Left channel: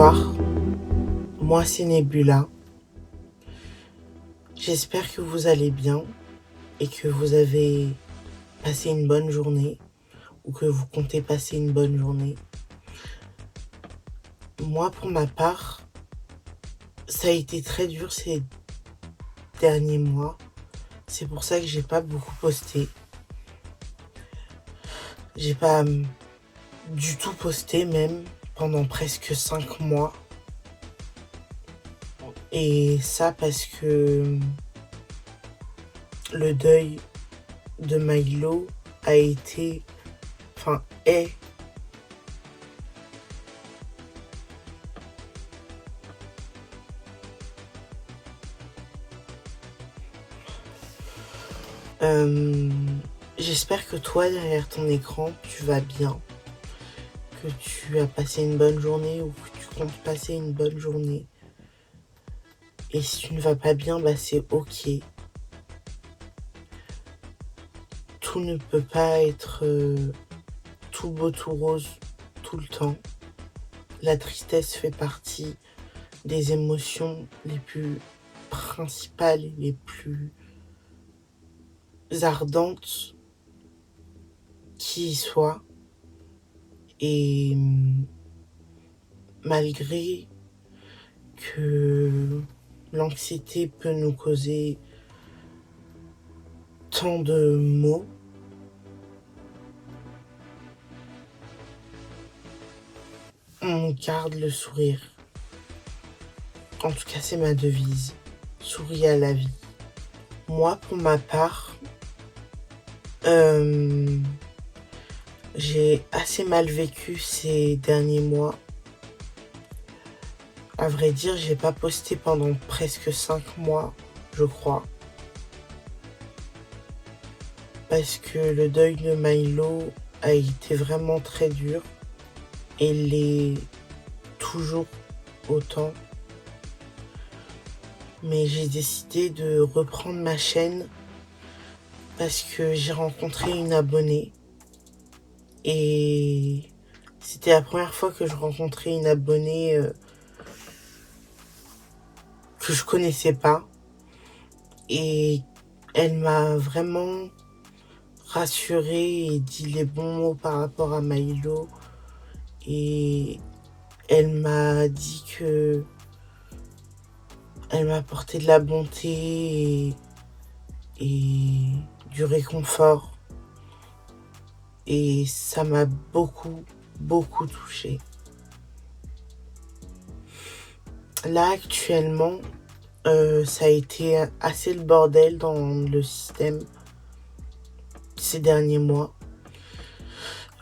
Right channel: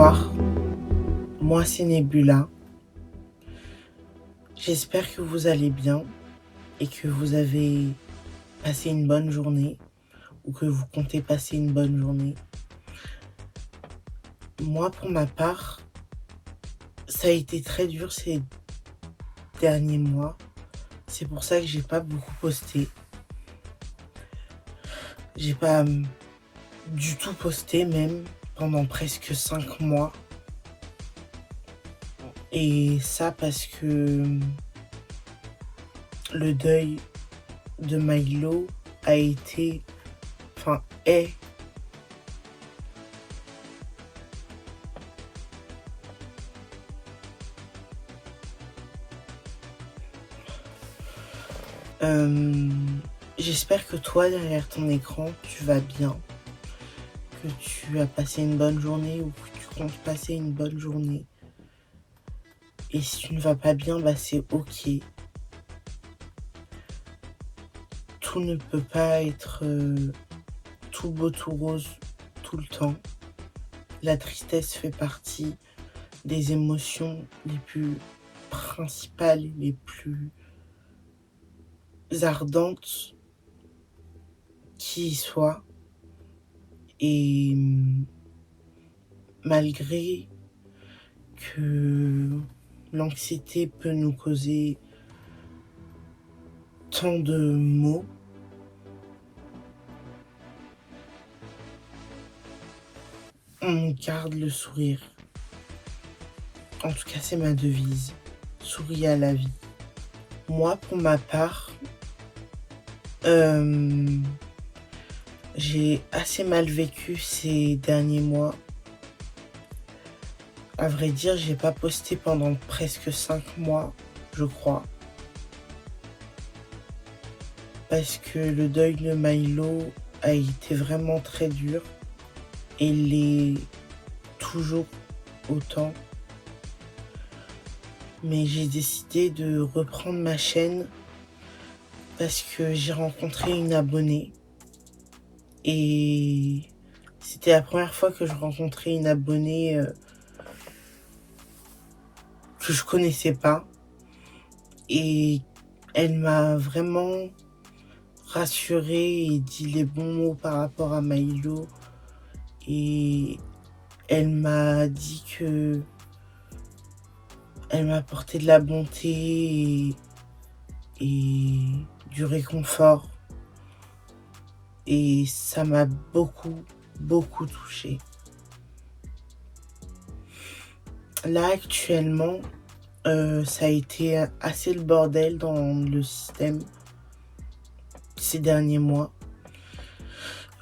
Bonsoir, moi c'est Nebula. J'espère que vous allez bien et que vous avez passé une bonne journée ou que vous comptez passer une bonne journée. Moi pour ma part, ça a été très dur ces derniers mois. C'est pour ça que j'ai pas beaucoup posté. J'ai pas du tout posté même pendant presque 5 mois. Et ça parce que le deuil de Milo a été, est j'espère que toi derrière ton écran tu vas bien, que tu as passé une bonne journée ou que tu comptes passer une bonne journée. Et si tu ne vas pas bien, c'est ok. Tout ne peut pas être tout beau, tout rose tout le temps. La tristesse fait partie des émotions les plus principales, les plus ardentes qui soient. Et malgré que l'anxiété peut nous causer tant de maux, on garde le sourire. En tout cas, c'est ma devise. Souris à la vie. Moi, pour ma part, j'ai assez mal vécu ces derniers mois. À vrai dire, j'ai pas posté pendant presque 5 mois, je crois. Parce que le deuil de Milo a été vraiment très dur. Et l'est toujours autant. Mais j'ai décidé de reprendre ma chaîne parce que j'ai rencontré une abonnée. Et c'était la première fois que je rencontrais une abonnée que je connaissais pas. Et elle m'a vraiment rassurée et dit les bons mots par rapport à Milo. Et elle m'a dit que elle m'a apporté de la bonté et du réconfort. Et ça m'a beaucoup, beaucoup touchée. Là, actuellement, ça a été assez le bordel dans le système ces derniers mois.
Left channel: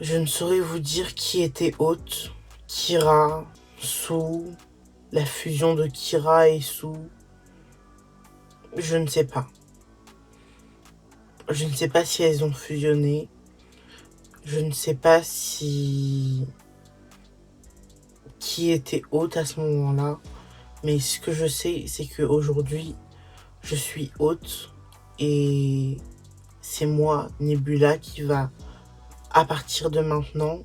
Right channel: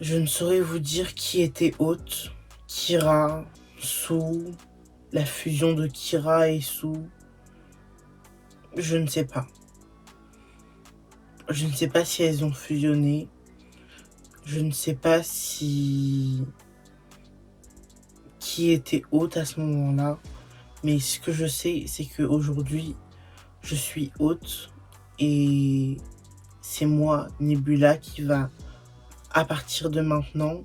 Je ne saurais vous dire qui était hôte. Kira, Sue, la fusion de Kira et Sue. Je ne sais pas. Je ne sais pas si elles ont fusionné. Je ne sais pas si qui était hôte à ce moment-là. Mais ce que je sais, c'est qu'aujourd'hui, je suis hôte et c'est moi, Nebula, qui va, à partir de maintenant,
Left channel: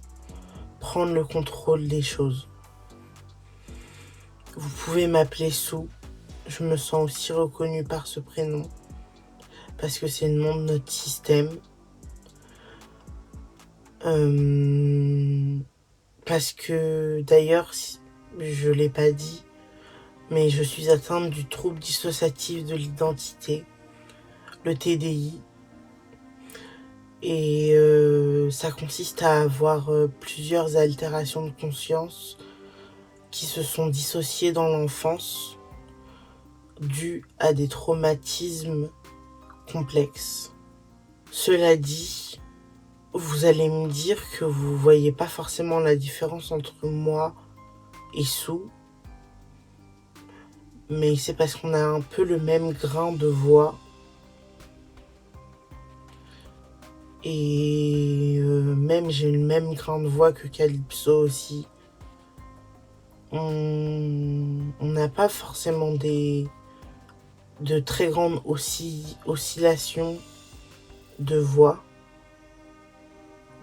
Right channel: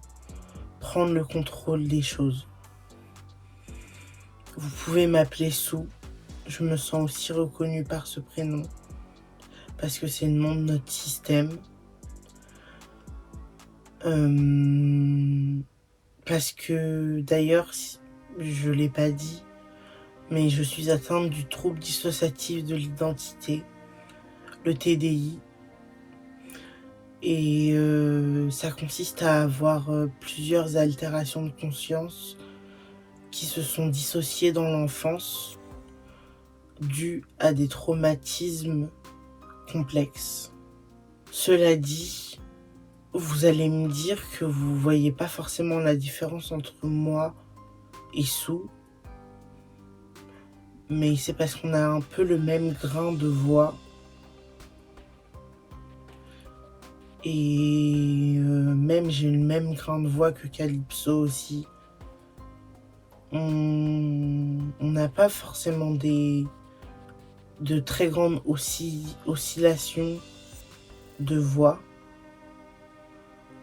prendre le contrôle des choses. Vous pouvez m'appeler Sue. Je me sens aussi reconnue par ce prénom parce que c'est le nom de notre système. Parce que d'ailleurs, je l'ai pas dit, mais je suis atteinte du trouble dissociatif de l'identité, le TDI. Et ça consiste à avoir plusieurs altérations de conscience qui se sont dissociées dans l'enfance dues à des traumatismes complexes. Cela dit, vous allez me dire que vous voyez pas forcément la différence entre moi et Sue, mais c'est parce qu'on a un peu le même grain de voix. Et même j'ai le même grain de voix que Calypso aussi. On n'a pas forcément de très grandes oscillations de voix.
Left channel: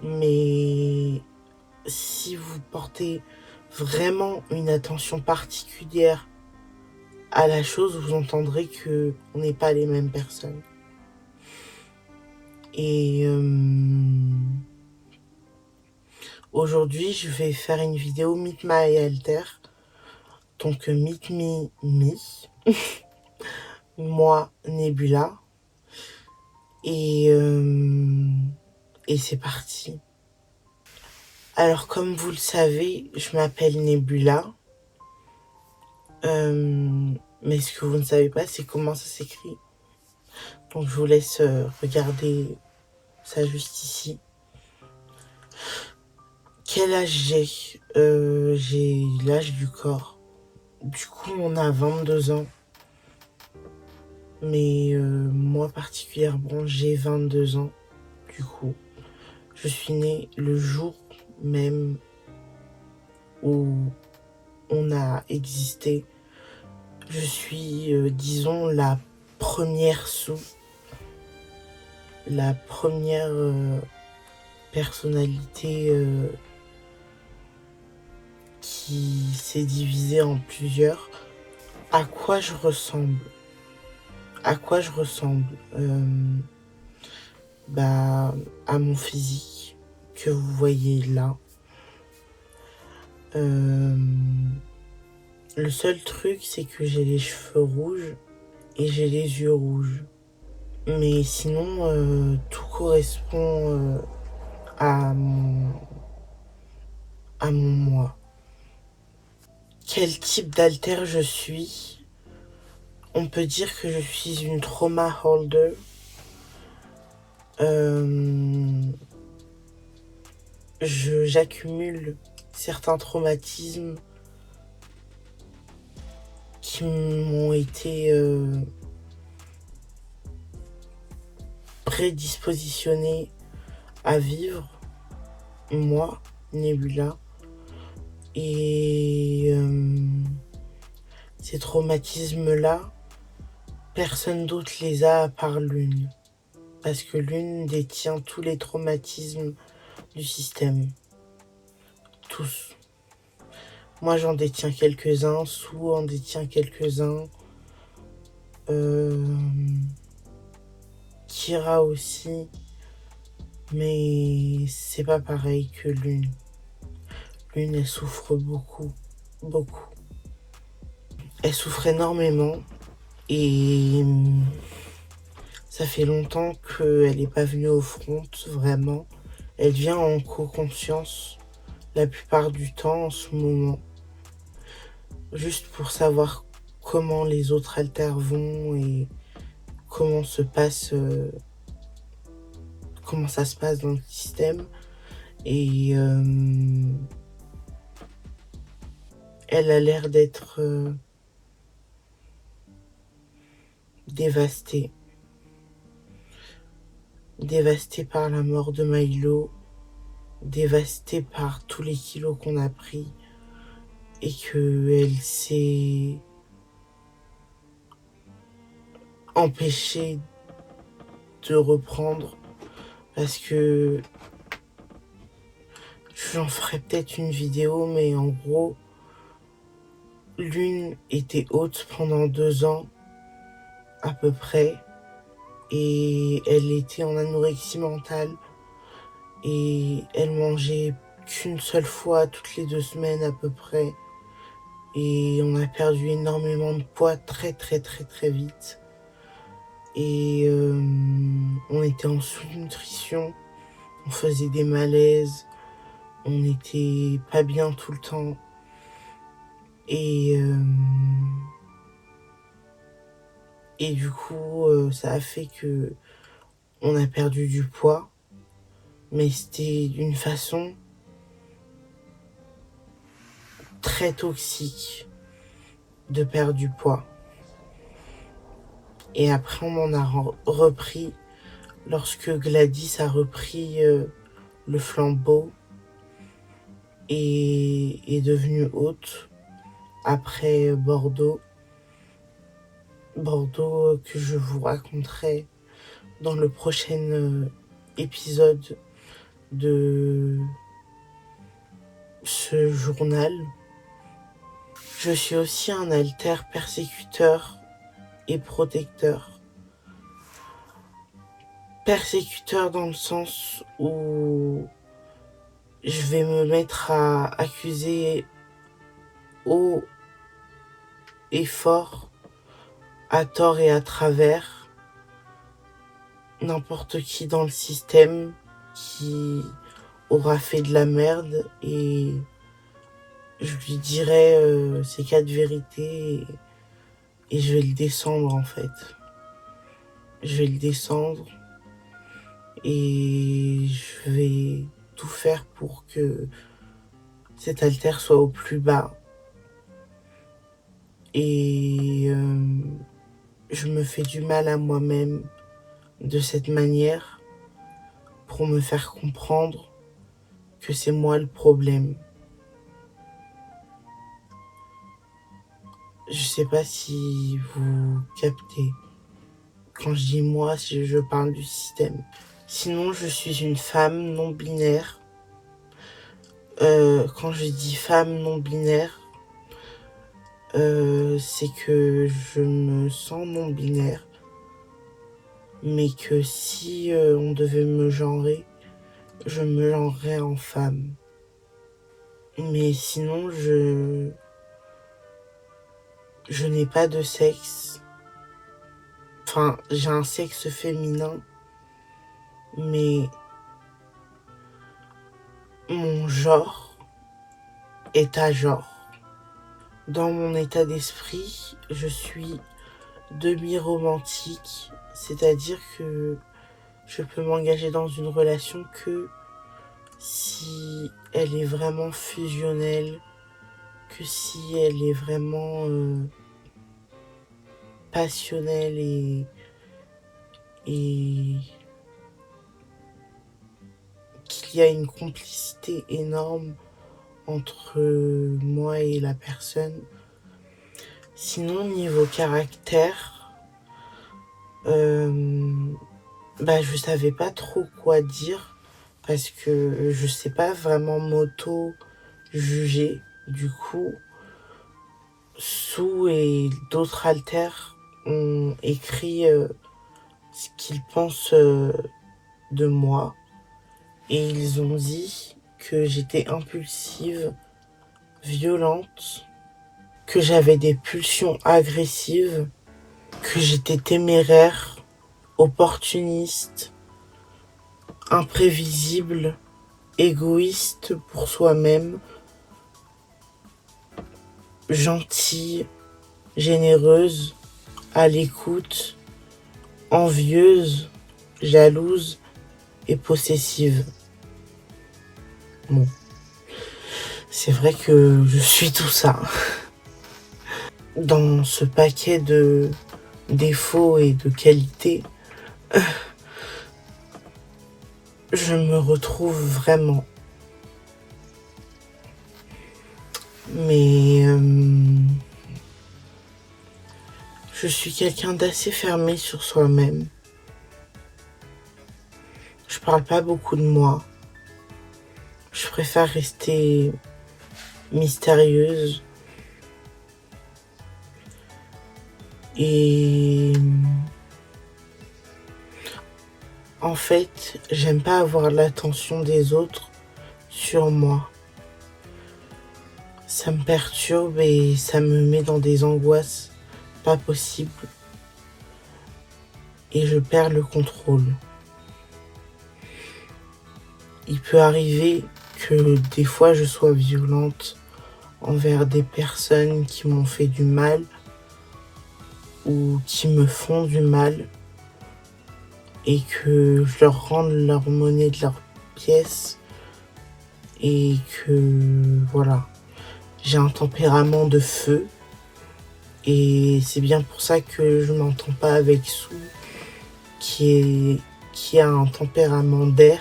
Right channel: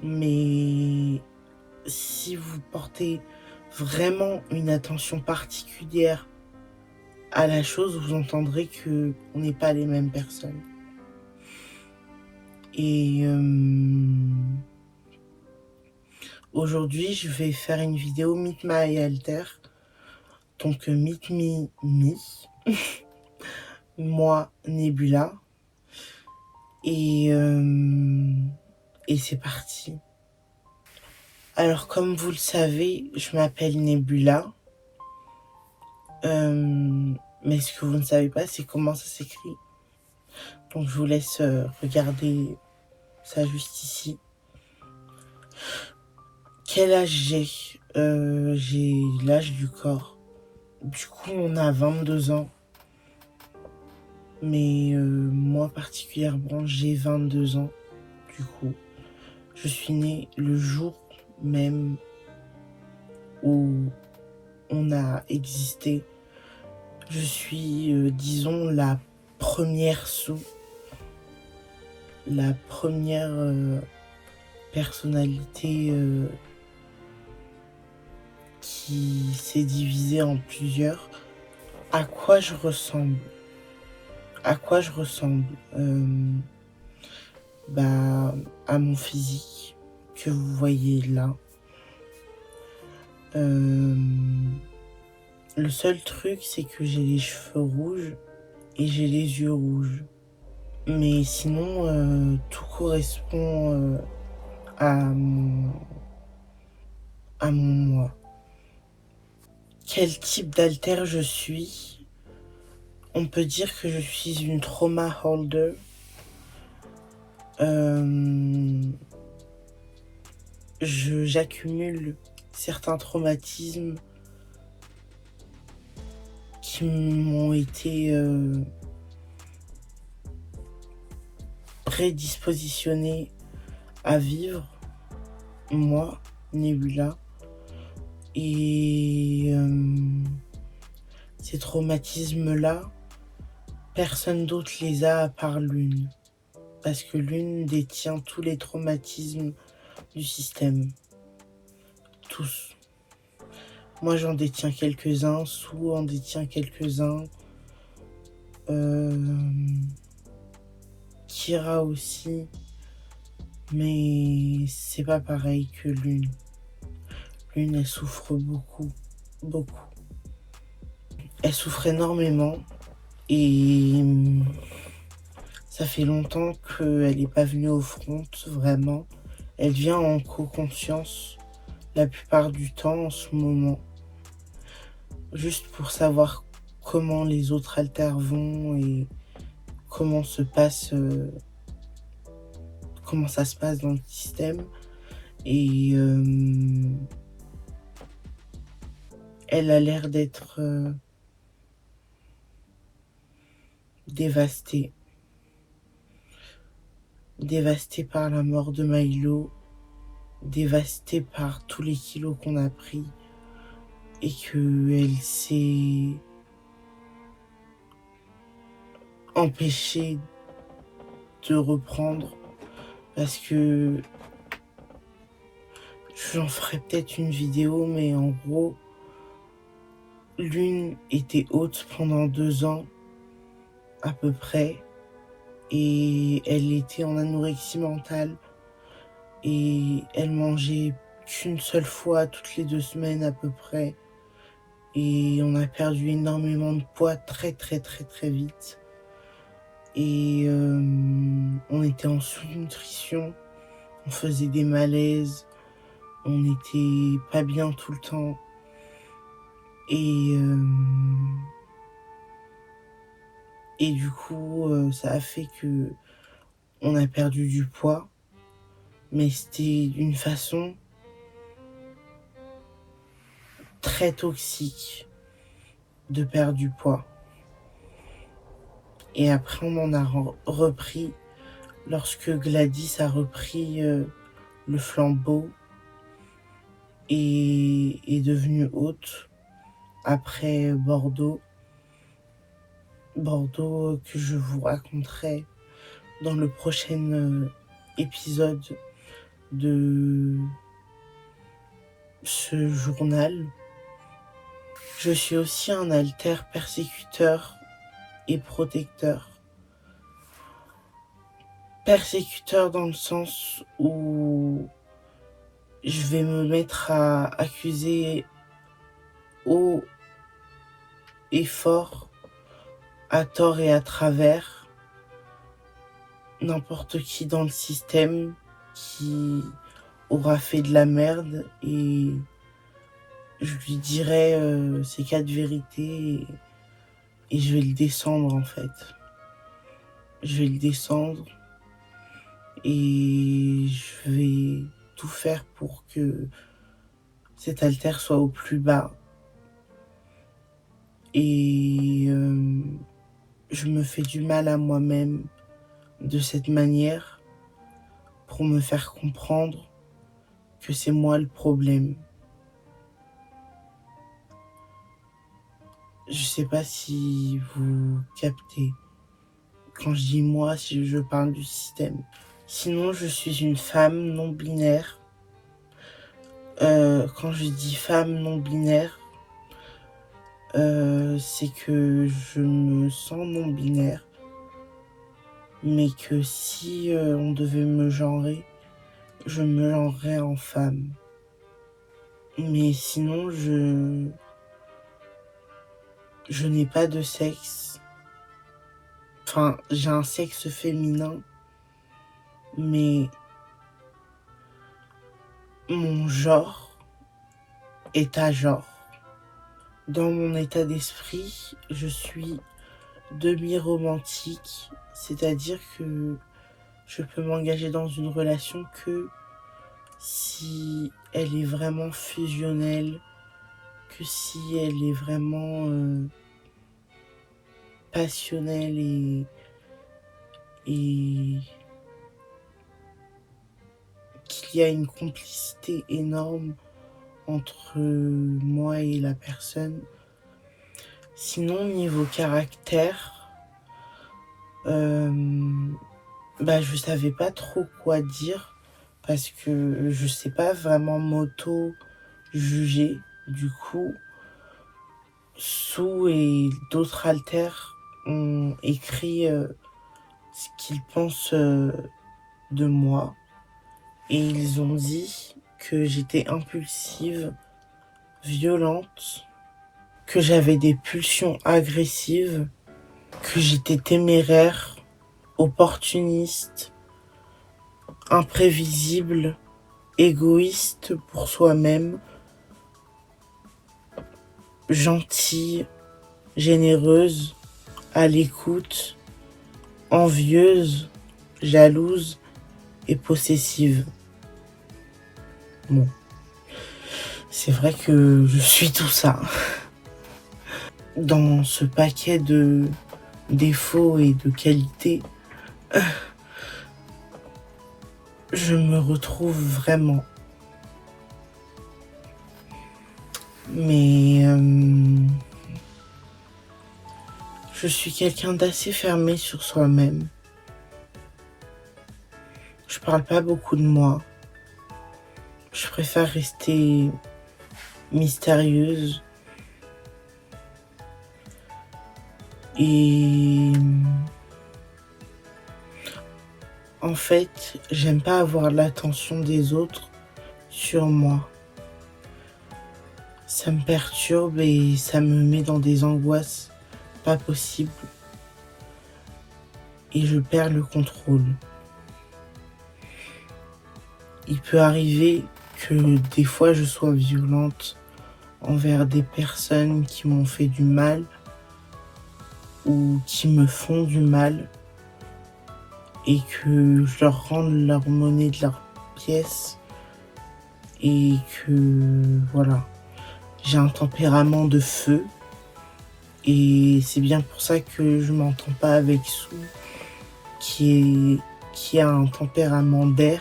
Mais si vous portez vraiment une attention particulière à la chose, vous entendrez que on n'est pas les mêmes personnes. Et aujourd'hui, je vais faire une vidéo Meet My Alter. Donc Meet Me, moi Nebula. Et c'est parti. Alors comme vous le savez, je m'appelle Nebula. Mais ce que vous ne savez pas, c'est comment ça s'écrit. Donc je vous laisse regarder ça juste ici. Quel âge j'ai J'ai l'âge du corps. Du coup, on a 22 ans. Mais moi particulièrement, j'ai 22 ans. Du coup, je suis née le jour même où on a existé. Je suis, disons, la première la première personnalité qui s'est divisée en plusieurs. À quoi je ressemble? À quoi je ressemble? À mon physique que vous voyez là. Le seul truc, c'est que j'ai les cheveux rouges et j'ai les yeux rouges. Mais sinon, tout correspond à mon moi. Quel type d'alter je suis? On peut dire que je suis une trauma holder. J'accumule certains traumatismes qui m'ont été prédispositionnés à vivre, moi, Nebula. Et ces traumatismes-là, personne d'autre les a à part Lune. Parce que Lune détient tous les traumatismes du système. Tous. Moi, j'en détiens quelques-uns. Sou en détient quelques-uns. Kira aussi. Mais c'est pas pareil que Lune. Lune, elle souffre beaucoup. Beaucoup. Elle souffre énormément. Et ça fait longtemps qu'elle n'est pas venue au front, vraiment. Elle vient en co-conscience la plupart du temps en ce moment. Juste pour savoir comment les autres alters vont et comment ça se passe dans le système. Et elle a l'air d'être dévastée. Dévastée par la mort de Milo. Dévastée par tous les kilos qu'on a pris. Et qu'elle s'est empêchée de reprendre. Parce que j'en ferai peut-être une vidéo, mais en gros, Lune était haute pendant 2 ans, à peu près, et elle était en anorexie mentale, et elle mangeait qu'une seule fois toutes les 2 semaines à peu près, et on a perdu énormément de poids très très très très vite, et on était en sous-nutrition, on faisait des malaises, on n'était pas bien tout le temps. Et du coup, ça a fait que on a perdu du poids, mais c'était d'une façon très toxique de perdre du poids. Et après, on en a repris lorsque Gladys a repris le flambeau et est devenue haute après Bordeaux. Bordeaux que je vous raconterai dans le prochain épisode de ce journal. Je suis aussi un alter persécuteur et protecteur. Persécuteur dans le sens où je vais me mettre à accuser haut et fort, à tort et à travers, n'importe qui dans le système qui aura fait de la merde, et je lui dirai ces 4 vérités, et je vais le descendre en fait. Je vais le descendre et je vais tout faire pour que cet alter soit au plus bas. Et je me fais du mal à moi-même de cette manière pour me faire comprendre que c'est moi le problème. Je sais pas si vous captez. Quand je dis moi, si je parle du système. Sinon, je suis une femme non binaire. Quand je dis femme non binaire, c'est que je me sens non binaire, mais que si on devait me genrer, je me genrerais en femme. Mais sinon, je n'ai pas de sexe. Enfin, j'ai un sexe féminin, mais mon genre est à genre. Dans mon état d'esprit, je suis demi-romantique, c'est-à-dire que je peux m'engager dans une relation que si elle est vraiment fusionnelle, que si elle est vraiment passionnelle et qu'il y a une complicité énorme entre moi et la personne. Sinon, niveau caractère, je savais pas trop quoi dire parce que je sais pas vraiment m'auto-juger. Du coup, Sue et d'autres alters ont écrit ce qu'ils pensent de moi, et ils ont dit que j'étais impulsive, violente, que j'avais des pulsions agressives, que j'étais téméraire, opportuniste, imprévisible, égoïste pour soi-même, gentille, généreuse, à l'écoute, envieuse, jalouse et possessive. Bon, c'est vrai que je suis tout ça. Dans ce paquet de défauts et de qualités, je me retrouve vraiment. Mais je suis quelqu'un d'assez fermé sur soi-même. Je parle pas beaucoup de moi. Je préfère rester mystérieuse. Et en fait, j'aime pas avoir l'attention des autres sur moi. Ça me perturbe et ça me met dans des angoisses pas possibles. Et je perds le contrôle. Il peut arriver que des fois je sois violente envers des personnes qui m'ont fait du mal ou qui me font du mal, et que je leur rende leur monnaie de leur pièce, et que voilà, j'ai un tempérament de feu, et c'est bien pour ça que je m'entends pas avec Sue qui a un tempérament d'air.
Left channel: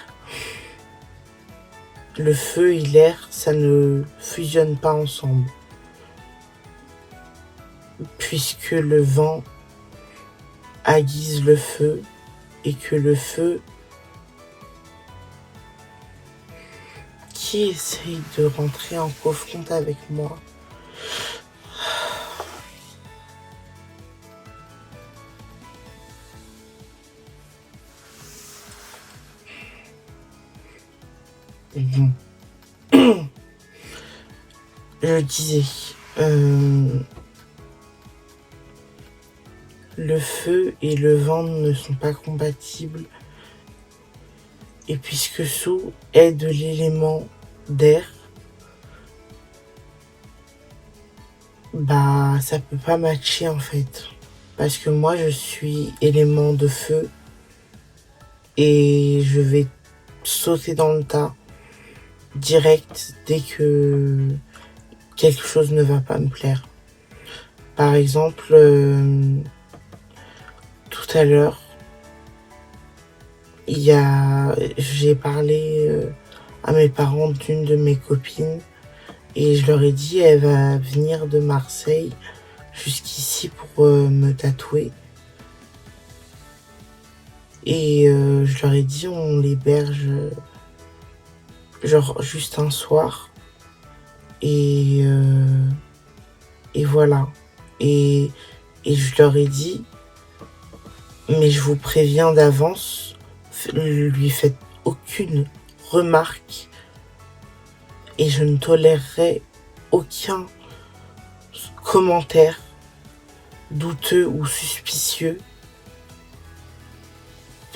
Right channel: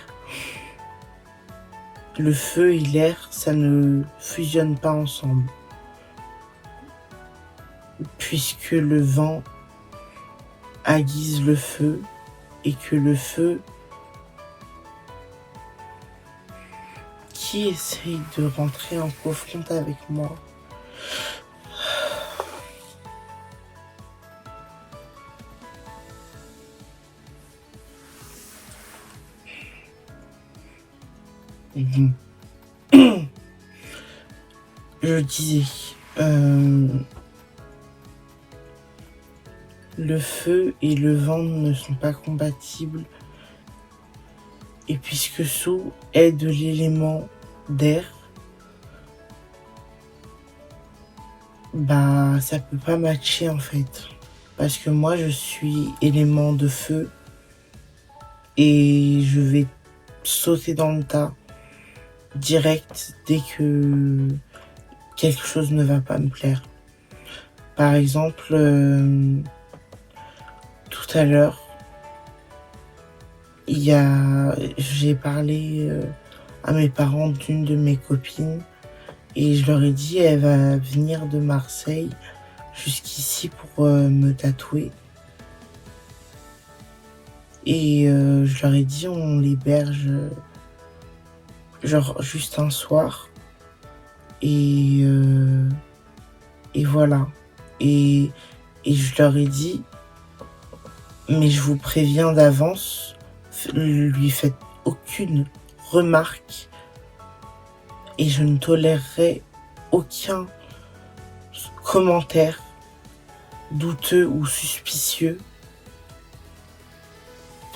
Le feu et l'air, ça ne fusionne pas ensemble, puisque le vent aiguise le feu, et que le feu qui essaye de rentrer en confronte avec moi Bon. Je disais, le feu et le vent ne sont pas compatibles. Et puisque Sou est de l'élément d'air, bah ça peut pas matcher en fait. Parce que moi je suis élément de feu et je vais sauter dans le tas direct dès que quelque chose ne va pas me plaire. Par exemple, tout à l'heure, j'ai parlé à mes parents d'une de mes copines et je leur ai dit elle va venir de Marseille jusqu'ici pour me tatouer. Et je leur ai dit on l'héberge genre juste un soir. Et voilà. Et je leur ai dit mais je vous préviens d'avance, lui faites aucune remarque et je ne tolérerai aucun commentaire douteux ou suspicieux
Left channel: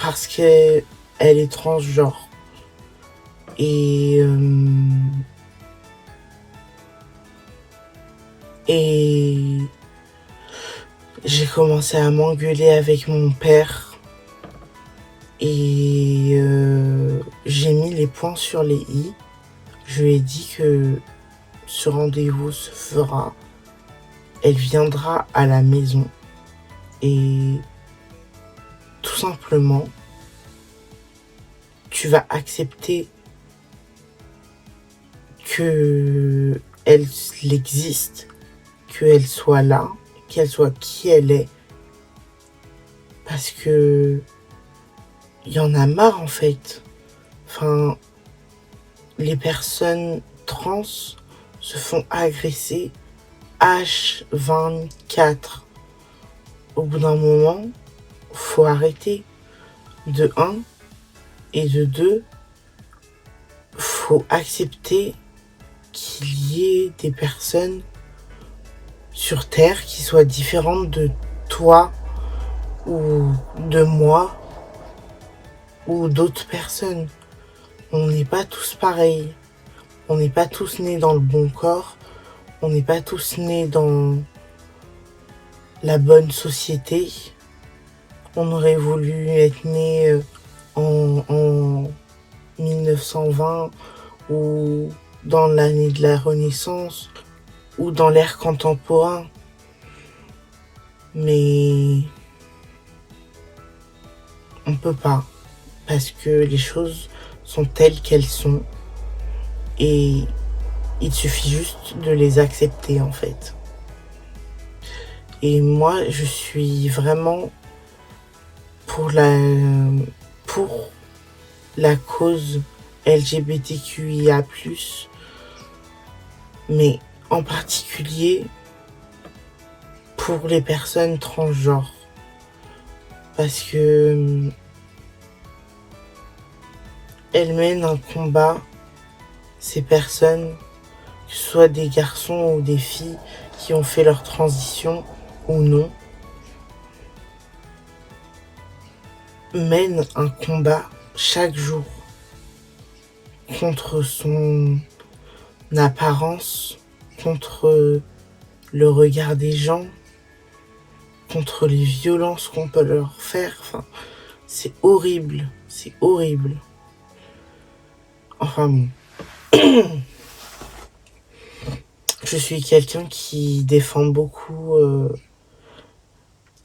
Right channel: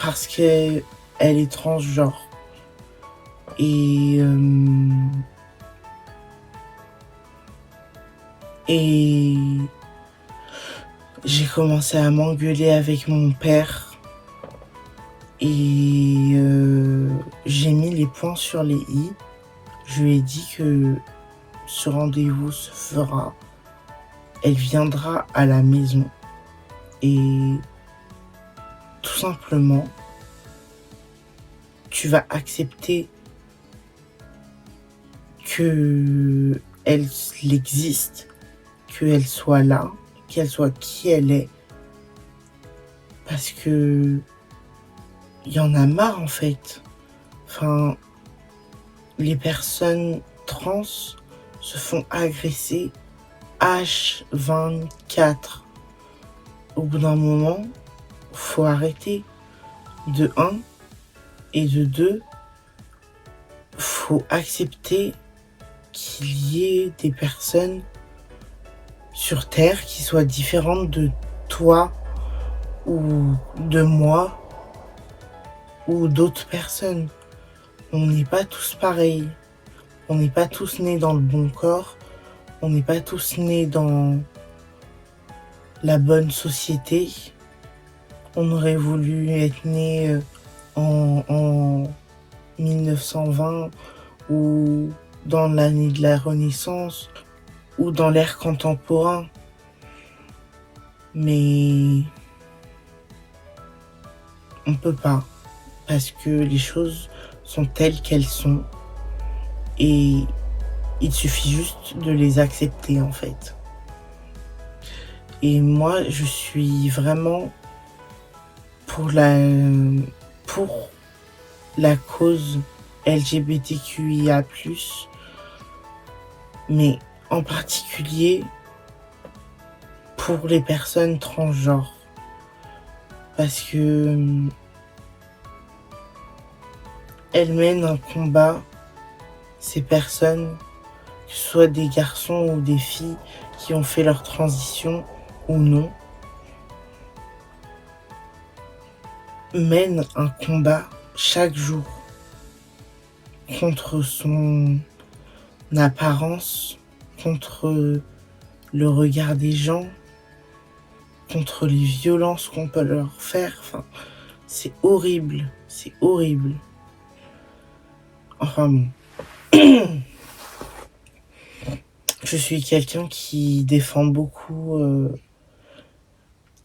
parce qu'elle est transgenre. Et j'ai commencé à m'engueuler avec mon père et j'ai mis les points sur les i. Je lui ai dit que ce rendez-vous se fera. Elle viendra à la maison et tout simplement, tu vas accepter que elle existe, qu'elle soit là, qu'elle soit qui elle est. Parce que il y en a marre en fait. Enfin, les personnes trans se font agresser H24. Au bout d'un moment, faut arrêter. De 1 et de 2, faut accepter qu'il y ait des personnes sur Terre qui soient différentes de toi ou de moi ou d'autres personnes. On n'est pas tous pareils. On n'est pas tous nés dans le bon corps. On n'est pas tous nés dans la bonne société. On aurait voulu être né en 1920 ou dans l'année de la Renaissance ou dans l'ère contemporain. Mais on peut pas parce que les choses sont telles qu'elles sont et il suffit juste de les accepter en fait. Et moi, je suis vraiment pour la cause LGBTQIA+, mais en particulier pour les personnes transgenres. Parce que elles mènent un combat, ces personnes, que ce soit des garçons ou des filles qui ont fait leur transition ou non, mènent un combat chaque jour contre son apparence, contre le regard des gens, contre les violences qu'on peut leur faire. Enfin, c'est horrible, c'est horrible. Enfin bon. Je suis quelqu'un qui défend beaucoup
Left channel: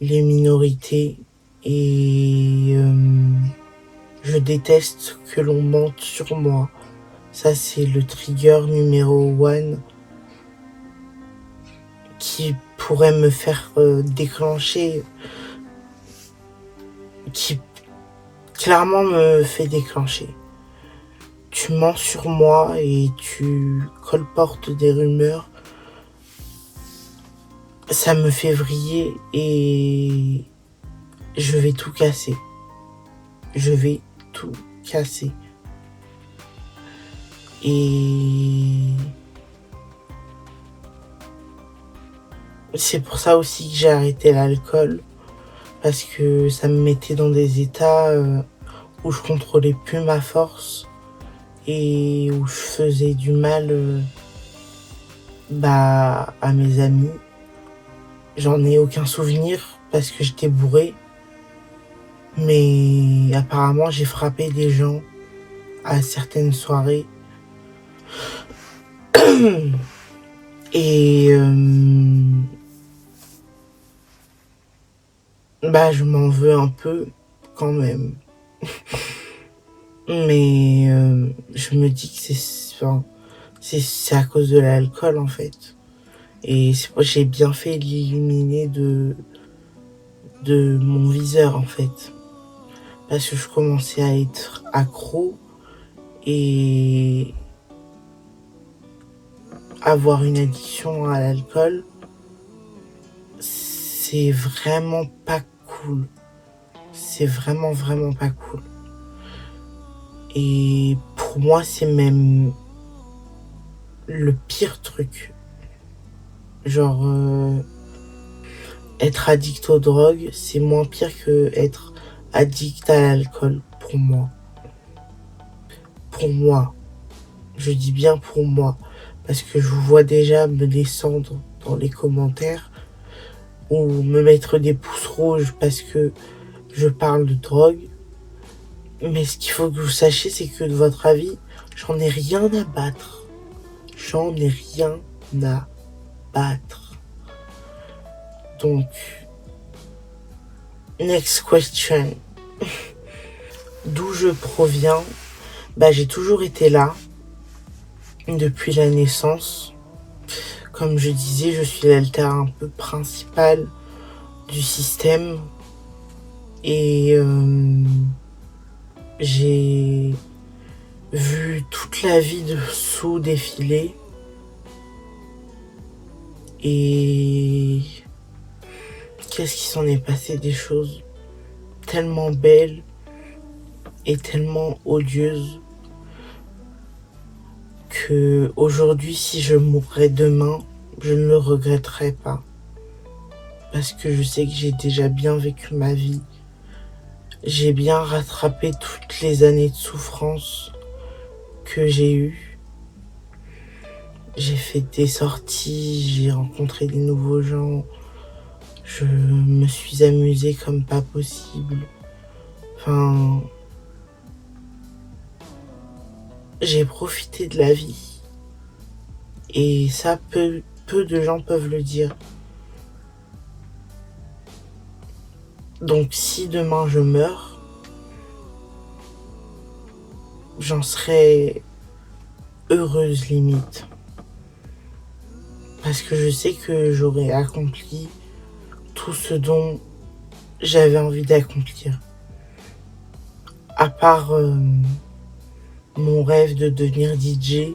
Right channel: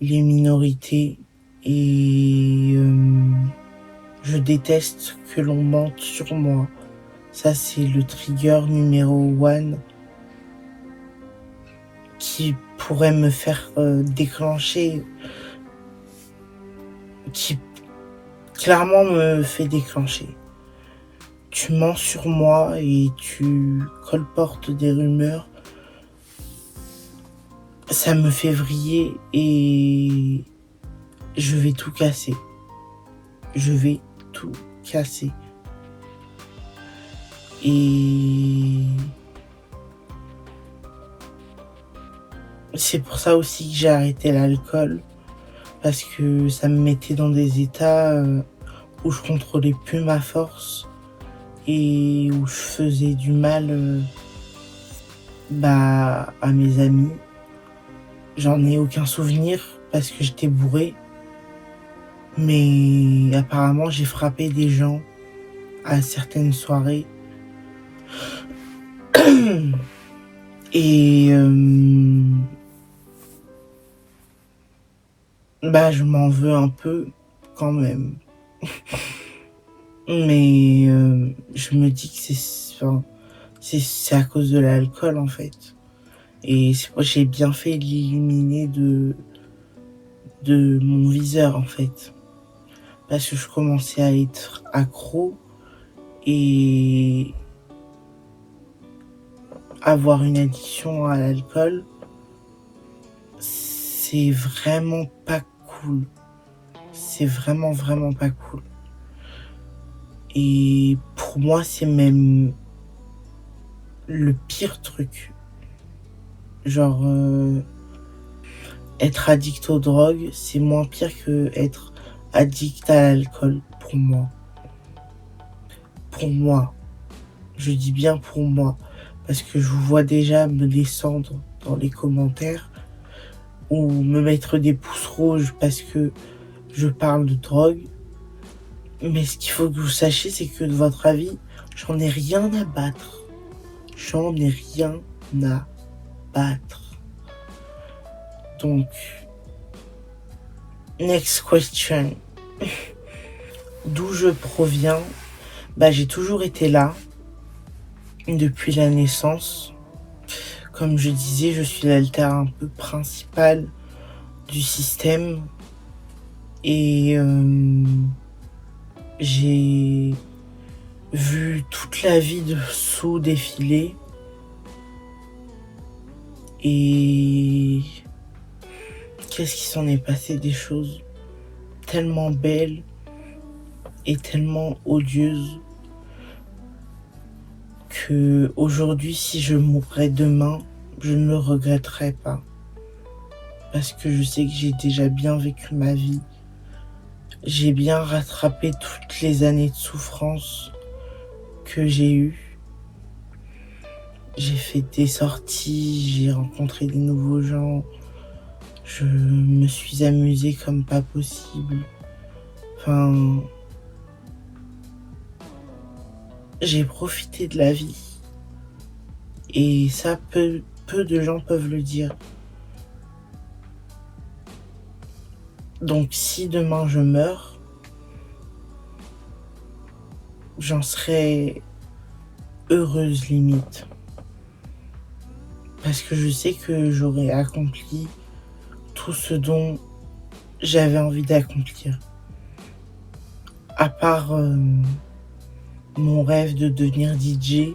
les minorités et je déteste que l'on mente sur moi. Ça, c'est le trigger numéro 1 qui pourrait me faire déclencher, qui clairement me fait déclencher. Tu mens sur moi et tu colportes des rumeurs. Ça me fait vriller et je vais tout casser. Je vais tout casser. Et c'est pour ça aussi que j'ai arrêté l'alcool, parce que ça me mettait dans des états où je contrôlais plus ma force et où je faisais du mal à mes amis. J'en ai aucun souvenir parce que j'étais bourré, mais apparemment j'ai frappé des gens à certaines soirées. Et je m'en veux un peu quand même. Mais je me dis que c'est à cause de l'alcool en fait. Et j'ai bien fait de l'éliminer de mon viseur en fait. Parce que je commençais à être accro et avoir une addiction à l'alcool, c'est vraiment pas cool. C'est vraiment, vraiment pas cool. Et pour moi, c'est même le pire truc. Genre, être addict aux drogues, c'est moins pire que être addict à l'alcool, pour moi. Pour moi. Je dis bien pour moi. Parce que je vous vois déjà me descendre dans les commentaires ou me mettre des pouces rouges parce que je parle de drogue. Mais ce qu'il faut que vous sachiez, c'est que de votre avis, j'en ai rien à battre. J'en ai rien à battre. Donc, next question. D'où je proviens? J'ai toujours été là, depuis la naissance. Comme je disais, je suis l'alter un peu principal du système. Et j'ai vu toute la vie de Sue défiler. Et qu'est-ce qui s'en est passé des choses tellement belles et tellement odieuses que aujourd'hui, si je mourrais demain, je ne le regretterais pas. Parce que je sais que j'ai déjà bien vécu ma vie. J'ai bien rattrapé toutes les années de souffrance que j'ai eues. J'ai fait des sorties, j'ai rencontré des nouveaux gens. Je me suis amusée comme pas possible. Enfin, j'ai profité de la vie. Et ça, peu de gens peuvent le dire. Donc si demain je meurs, j'en serai heureuse limite. Parce que je sais que j'aurai accompli tout ce dont j'avais envie d'accomplir. À part mon rêve de devenir DJ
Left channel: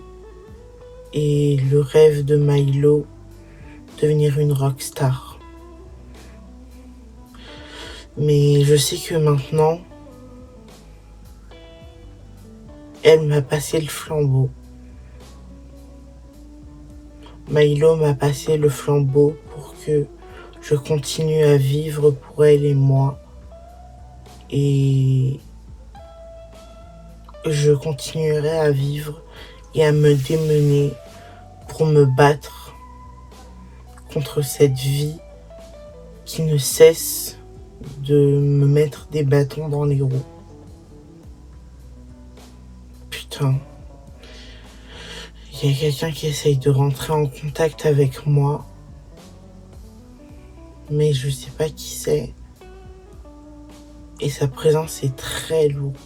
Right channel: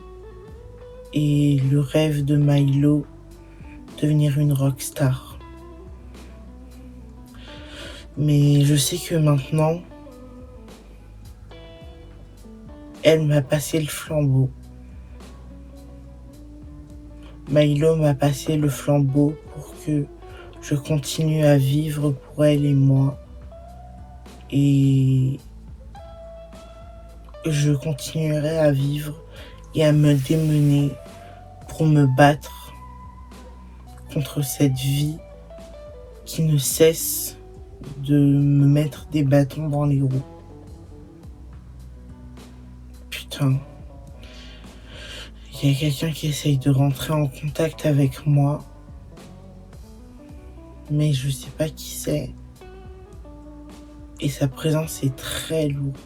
et le rêve de Milo, devenir une rockstar. Mais je sais que maintenant, elle m'a passé le flambeau. Milo m'a passé le flambeau pour que je continue à vivre pour elle et moi. Et je continuerai à vivre et à me démener pour me battre contre cette vie qui ne cesse de me mettre des bâtons dans les roues. Putain. Il y a quelqu'un qui essaye de rentrer en contact avec moi, mais je sais pas qui c'est. Et sa présence est très lourde.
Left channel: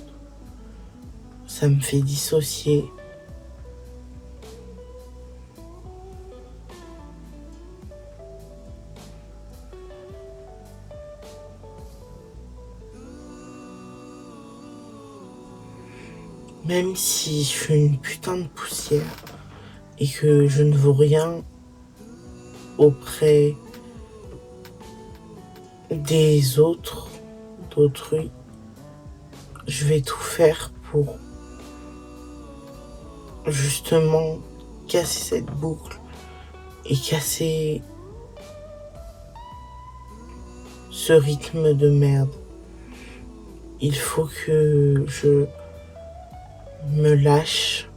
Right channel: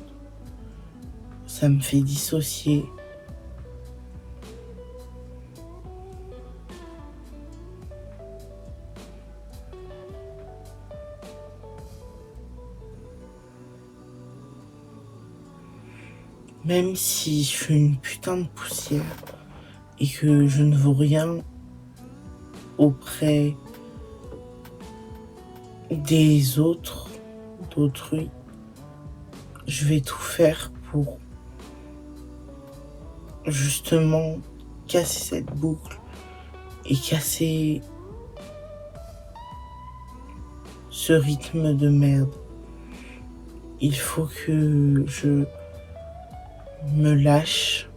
Ça me fait dissocier. Même si je suis une putain de poussière et que je ne vaux rien auprès des autres, d'autrui, je vais tout faire pour justement casser cette boucle et casser ce rythme de merde. Il faut que je me lâche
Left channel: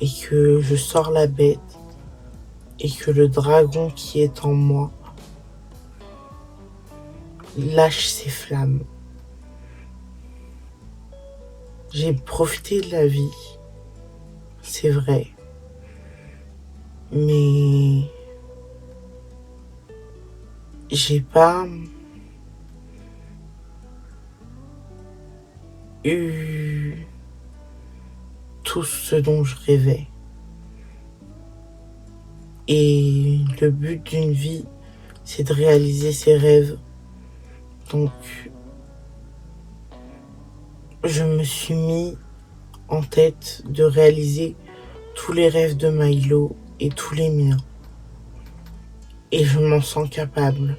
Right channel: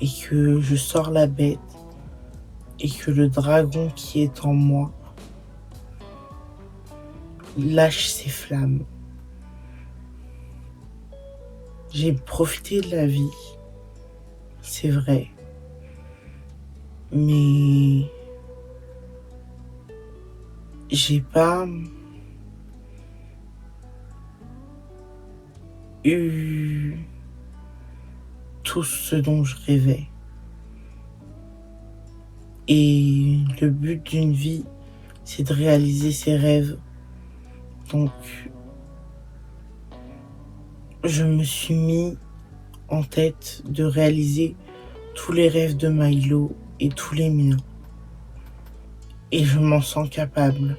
et que je sors la bête et que le dragon qui est en moi lâche ses flammes. J'ai profité de la vie, c'est vrai, mais j'ai pas eu tout ce dont je rêvais. Et le but d'une vie, c'est de réaliser ses rêves. Donc, je me suis mis en tête de réaliser tous les rêves de Milo et tous les miens. Et je m'en sens capable.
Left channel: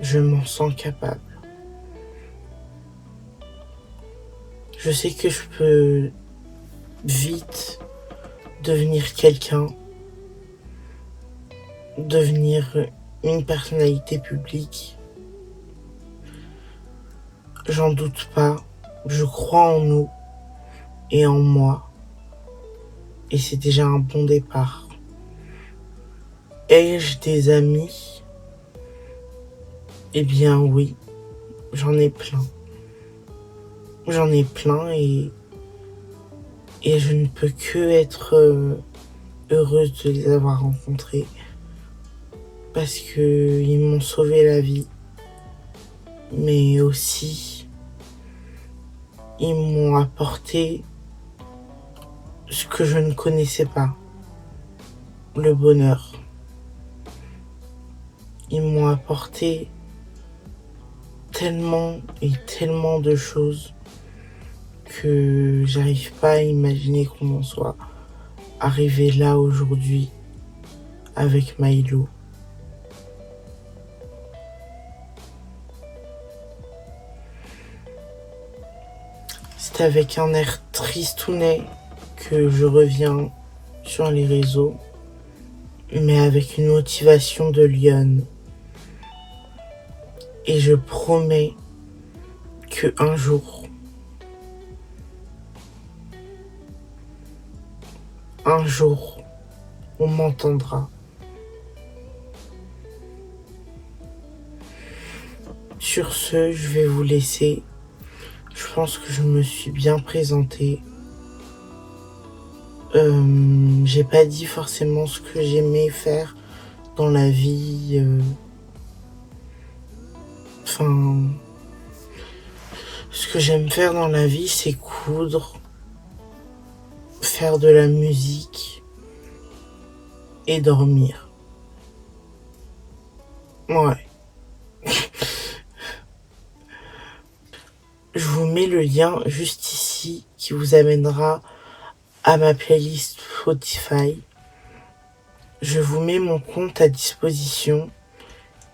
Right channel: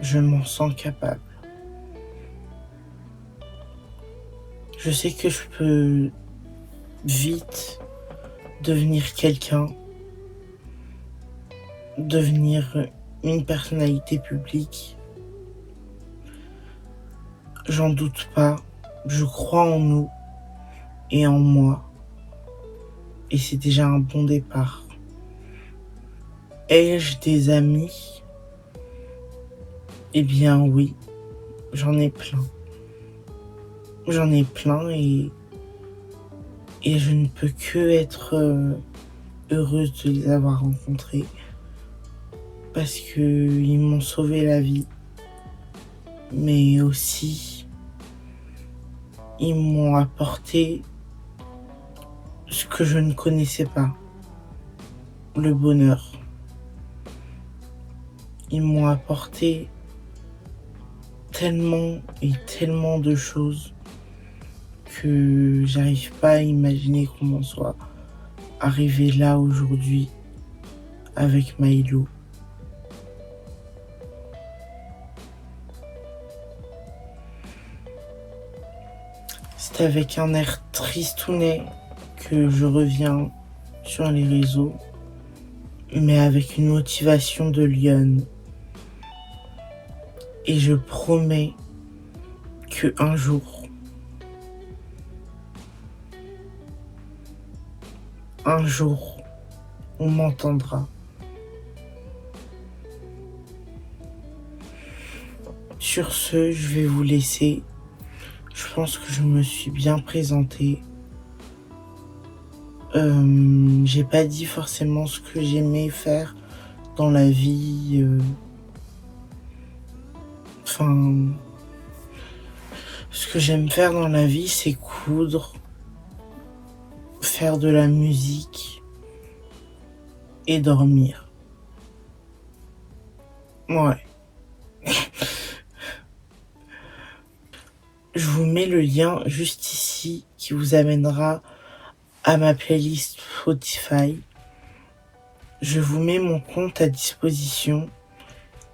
Je m'en sens capable. Je sais que je peux vite devenir quelqu'un, devenir une personnalité publique. J'en doute pas. Je crois en nous et en moi. Et c'est déjà un bon départ. Ai-je des amis? Eh bien oui, j'en ai plein. J'en ai plein et je ne peux que être heureuse de les avoir rencontrés parce que ils m'ont sauvé la vie, mais aussi ils m'ont apporté ce que je ne connaissais pas, le bonheur. Ils m'ont apporté tellement et tellement de choses que j'arrive pas à imaginer comment soit arrivé là aujourd'hui avec Milo. C'est avec un air tristounet que je reviens sur les réseaux, mais avec une motivation de lionne. Et je promets que un jour, on m'entendra. Sur ce, je vais vous laisser. Je pense que je me suis bien présenté. J'ai pas dit forcément ce que j'aimais faire dans la vie. Ce que j'aime faire dans la vie, c'est coudre, faire de la musique et dormir. Ouais. Je vous mets le lien juste ici qui vous amènera à ma playlist Spotify. Je vous mets mon compte à disposition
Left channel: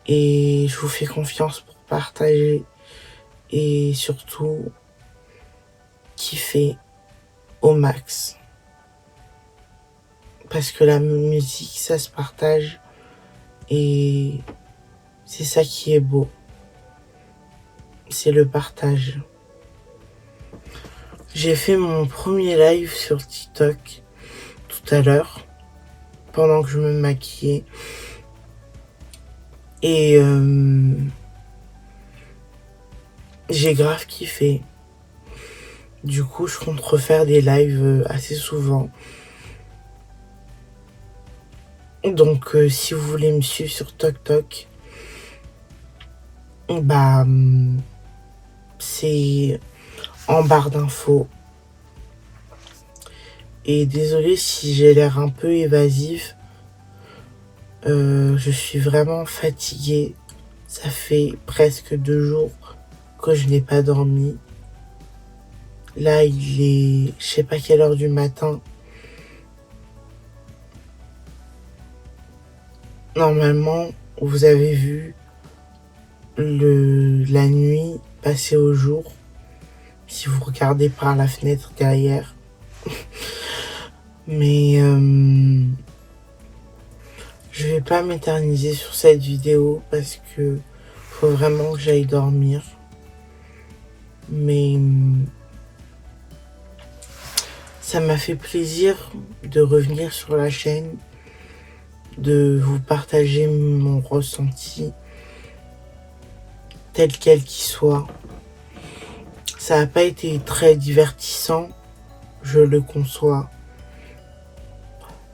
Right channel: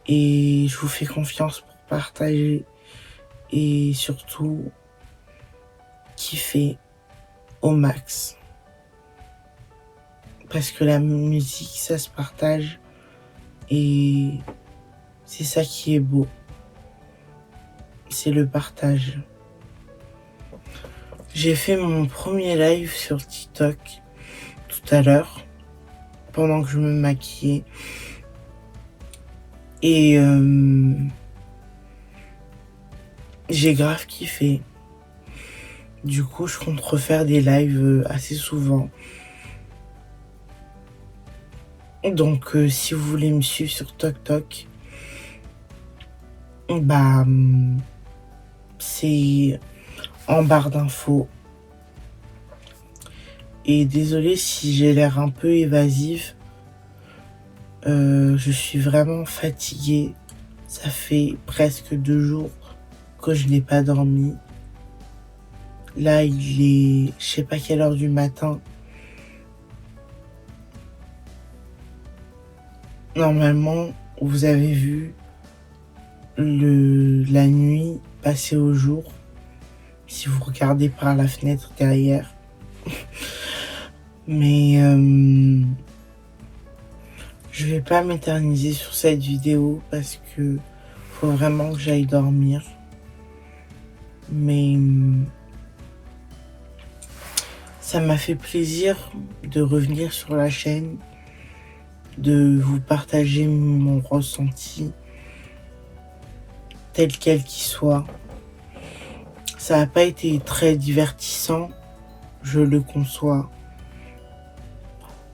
et je vous fais confiance pour partager et surtout kiffer au max. Parce que la musique, ça se partage et c'est ça qui est beau. C'est le partage. J'ai fait mon premier live sur TikTok tout à l'heure, pendant que je me maquillais. Et j'ai grave kiffé. Du coup, je compte refaire des lives assez souvent. Donc, si vous voulez me suivre sur TikTok, bah, c'est en barre d'infos. Et désolé si j'ai l'air un peu évasive. Je suis vraiment fatiguée. Ça fait presque 2 jours que je n'ai pas dormi. Là, il est, je sais pas quelle heure du matin. Normalement, vous avez vu la nuit passer au jour. Si vous regardez par la fenêtre derrière. Mais je vais pas m'éterniser sur cette vidéo parce que faut vraiment que j'aille dormir. Mais ça m'a fait plaisir de revenir sur la chaîne, de vous partager mon ressenti, tel quel qu'il soit. Ça n'a pas été très divertissant, je le conçois.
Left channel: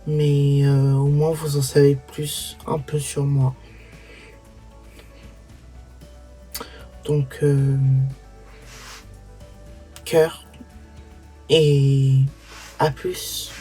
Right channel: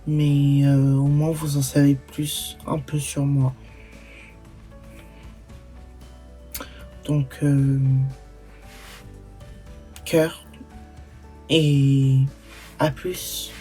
Mais au moins vous en savez plus un peu sur moi. Donc, cœur et à plus.